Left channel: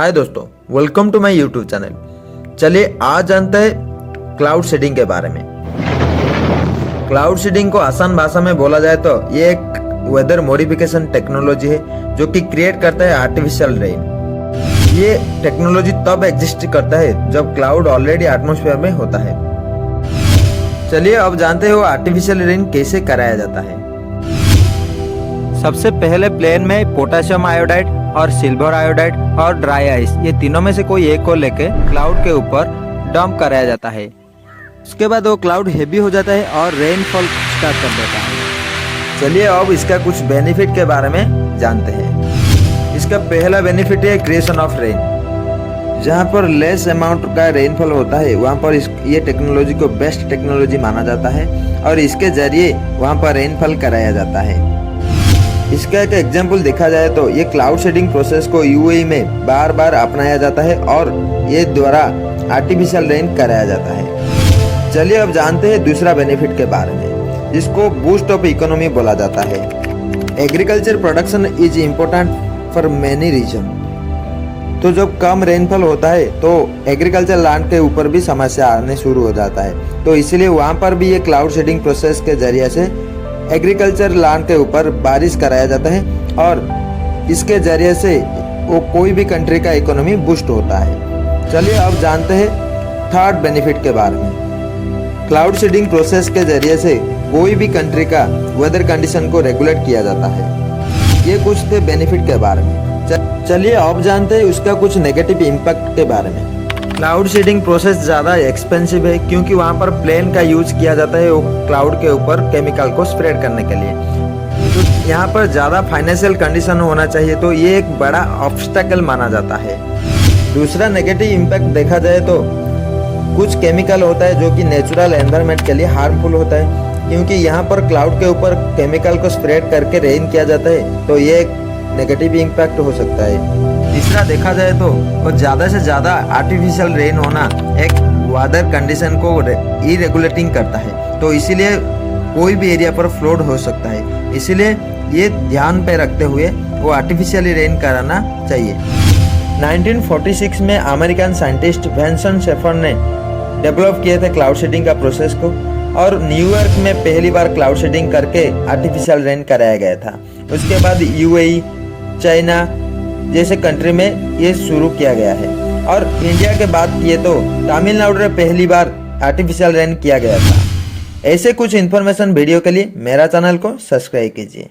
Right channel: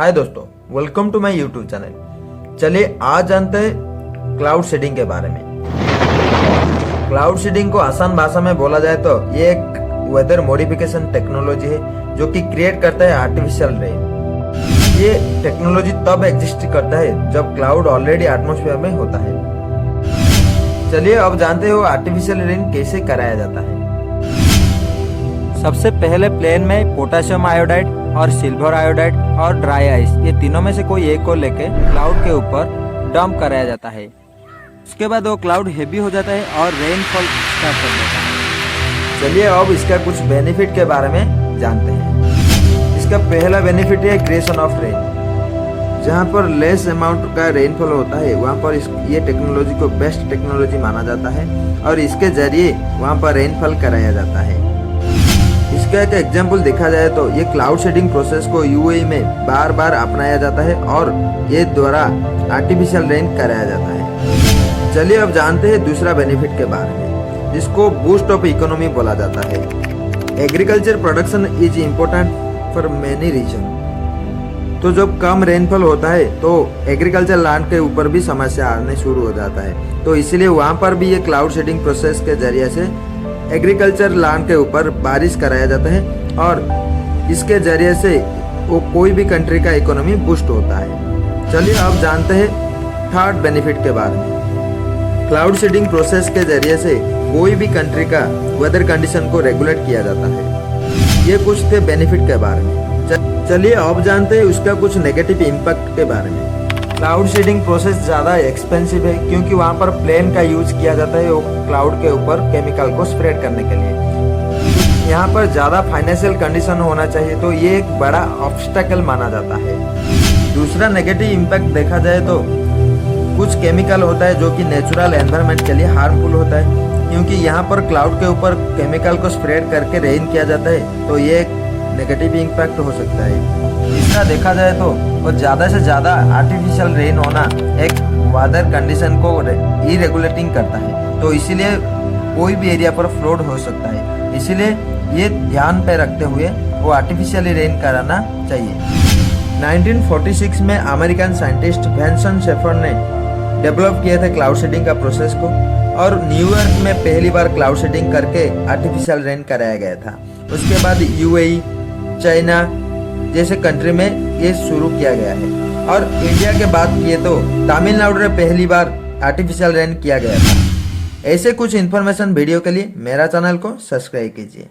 हाय दोस्तों, welcome to my YouTube channel. चलिए आज जानते हैं क्लाउड सीडिंग के बारे में। क्लाउड सीडिंग को आसान भाषा में बोला जाए तो ये एक वेदर मॉडिफिकेशन टेक्नोलॉजी है जो कि क्रिएट करता है आर्टिफिशियल रेन। ये टेक्नोलॉजी तब एग्जिस्ट करता है जब क्लाउड ऑलरेडी एटमॉस्फेयर में होता है। चलिए अब जानते हो आर्टिफिशियल रेन कैसे कराया जाता है। सबसे पहले प्लेन में पोटेशियम आयोडाइड और सिल्वर आयोडाइड और ड्राई आइस, ये तीनों में से कोई एक को लेके क्लाउड के ऊपर डंप कराया जाता है। उसके बाद वो क्लाउड हेवी हो जाता है और रेनफॉल स्टार्ट कर देता है। चलिए अब इसका कुछ बेनिफिट के बारे में जानते हैं। इसका पहला बेनिफिट है क्रिएशन ऑफ रेन। जहाँ पर लेस अमाउंट का रेनफॉल होता है वहाँ पर ये टेक्नोलॉजी को बेस्ट टेक्नोलॉजी माना जाता है और इसके जरिए वहाँ पर रेनफॉल कराया जाता है। इसका एक एग्जाम्पल देखा जाए तो ये क्लाउड शेडिंग प्रोसेस को यूएई में बार बार अपनाया जाता है और ये द्वारा आर्टिफिशियल रेन कराया जाता है। चलिए अब जानते हैं दूसरा बेनिफिट के बारे में, जिसको बूस्ट ऑफ इकोनॉमी बोला जाता है। Agriculture production is important for many reason. तो जब कम रेनफॉल होता है तो एग्रीकल्चर लैंड के ऊपर भी समस्या आने शुरू हो जाता है, तो इसलिए वहाँ पर भी ये क्लाउड शेडिंग प्रोसेस के जरिए से एग्रीकल्चर लैंड के ऊपर बारिश कराया जाता है और इसके जरिए से वो कोई भी कंट्री का इकोनॉमी बूस्ट होता है। चलिए अब जानते हैं थर्ड बेनिफिट के बारे में। क्लाउड सीडिंग प्रोसेस के जरिए से कोई भी कंट्री का वेदर कंडीशन को रेगुलेट किया जाता है। ये कुछ थे बेनिफिट के बारे में। चलिए अब जानते हैं उसका कुछ नेगेटिव इम्पैक्ट के बारे में। क्लाउड सीडिंग प्रोसेस ज़्यादा एक्सपेंसिव है क्योंकि वहाँ पर प्लेन का यूज किया जाता है वो क्लाउड के ऊपर केमिकल को स्प्रेड करने के लिए। तो यहाँ पर ज़्यादा फाइनेंशियल कंडीशन होना चाहिए, तो ये एक बड़ा ऑब्स्टेकल माना जाता है। दूसरा नेगेटिव इम्पैक्ट देखा जाए तो कुछ केमिकल होता है जो कि नेचुरल एनवायरनमेंट के लिए हार्मफुल होता है, क्योंकि यहाँ पर क्लाउड के ऊपर केमिकल को स्प्रेड करके रेन किया जाता है, तो ये एक नेगेटिव इम्पैक्ट हो सकता है। तीसरा देखा जाए तो और ज़्यादा से ज़्यादा आर्टिफिशियल रेन होना एक वेदर कंडीशन को इरेगुलेटिंग करता है, तो इसीलिए कोई भी एरिया पर फ्लड हो सकता है। इसीलिए ये ध्यान पे रखते हुए वो आर्टिफिशियली रेन कराना चाहिए। 1946 में अमेरिकन साइंटिस्ट वेंसन शेफर ने डेवलप किए थे क्लाउड सीडिंग का प्रोसेस को, और न्यूयॉर्क में पहली बार क्लाउड सीडिंग करके आर्टिफिशियल रेन कराया गया था। उसके बाद यूएई, चाइना जैसे कंट्री में ये शुरू किया गया है, और इंडिया के बाद ये तो तमिलनाडु में पहली बार आर्टिफिशियल रेन किया गया था। ऐसे कुछ इन्फॉर्मेशन वीडियो के लिए मेरा चैनल को सब्सक्राइब कीजिए।